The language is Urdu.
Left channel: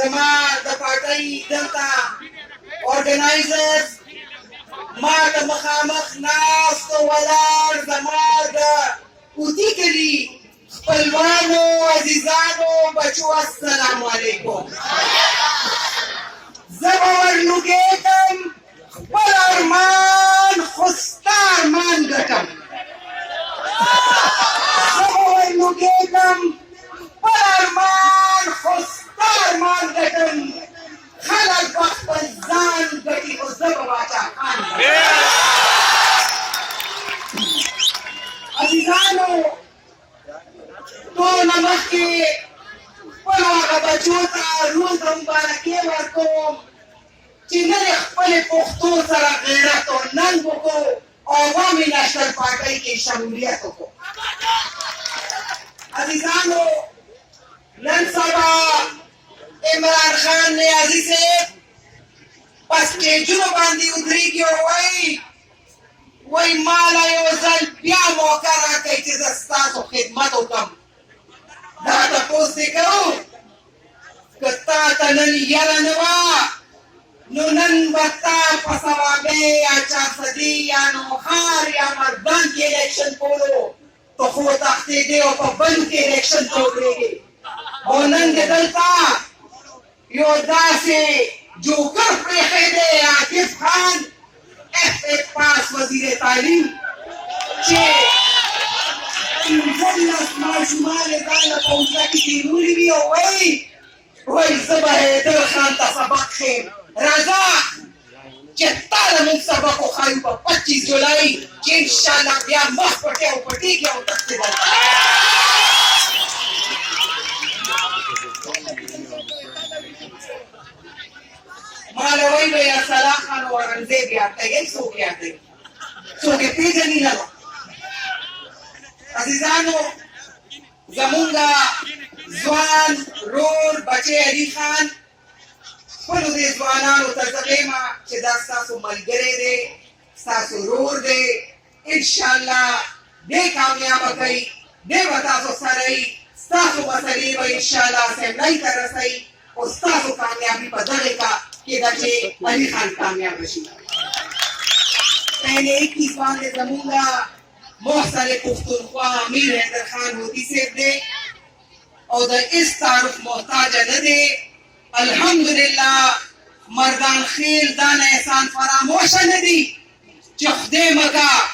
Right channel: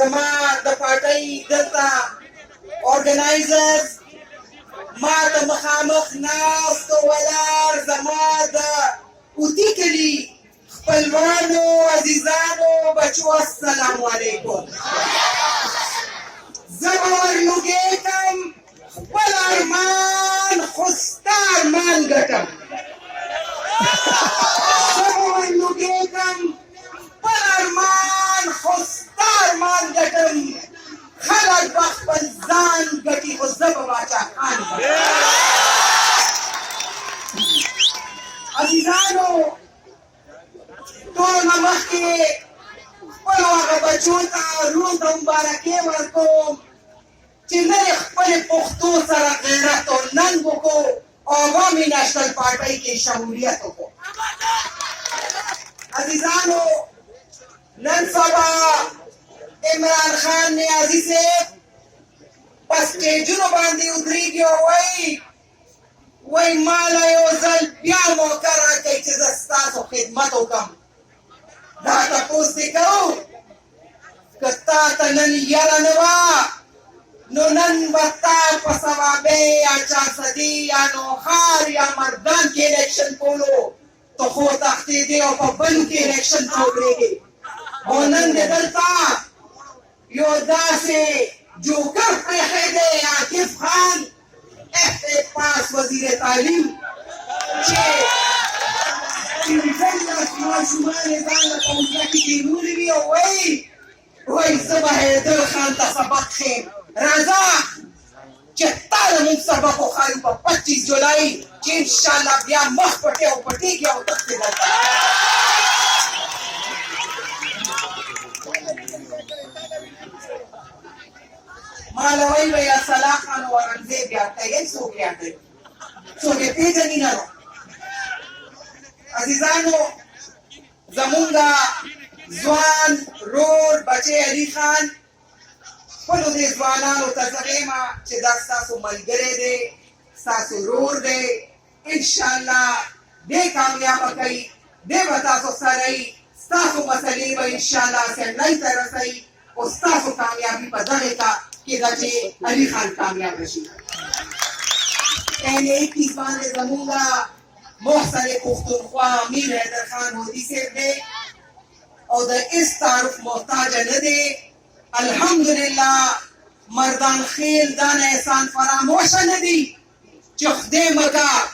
زما د پارټۍ دلته اورګنایزرز ما ته مخامخ ناست ولاړ زما د اوتي کلي خپلوانو عزیزانو بچو السلام علیکم زه به ورلوګېږم خپل ارمان خو ستا ارمان ګټم زه به ورلوګېږم خپل ارمان خو ستا ارمان ګټم خلک به خپل ځان ګټي خو زه به باچا خان عزیزانو ټولو مخکې خپلو هغه بچو ته روز د مبارکۍ ورکوم چې نن یې خپلې پښتو سره غیرت او ننګ وکړو او عوامي نېشنل پارټۍ کې شمولیت وکړو عزیزانو نن سبا عمران خان نیازي صاحب په سټیجونو باندې ودرېږي او وایي ماله یو ځل بیا موقع راکئ چې زه ستاسو خدمت وکړم دا تپوس دې کوو که تا ته نن یره نه وه نو نن به تا په صوابۍ یا چارسدي یا نوښار یا مردان کې الیکشن کولو ته خو تښتېدې او په بند کې الیکشن ته ودرېږې او نن دې دلته یو داسې جوکر پرېښی دی عاطف خان پاس وزیر تعلیم چې 15 ماشومان یې ځان له پوځه کې تېرولي وي او وایي زه به حیدر خان ته سبق ښیم راځه چې تا له موږ سبق وښایو په 25 جولای چې انشاءالله بیا مخ پټې او پټېږي او تښتې دلته ماله وایي ویل صلاح خان او اورنګزیب یاد کوي څوک یاد کوي څوک یې پېژني نه نو عزیزانو زمونږ ځوان رور بچی علي خان خپلو دې ځوانانو ته زه وایم چې دا ستاسو ملګری دی ستاسو رور دی انشاءالله دې کامیابه کوي دې به تاسو سره وي ستاسو مسلې به انشاءالله اسمبلۍ ته رسوي او ستاسو کامیابي په دغې کې ده چې علي خان کامیابه شي پہلے 21 باندې زمونږ محسن پښتونخوا امیر حیدر خان هودي صاحب دی او د هېڅ تعارف محتاجه نه دی الحمدلله مردان خیل دا نه احسان فراموشه نه دي چې خدای مکه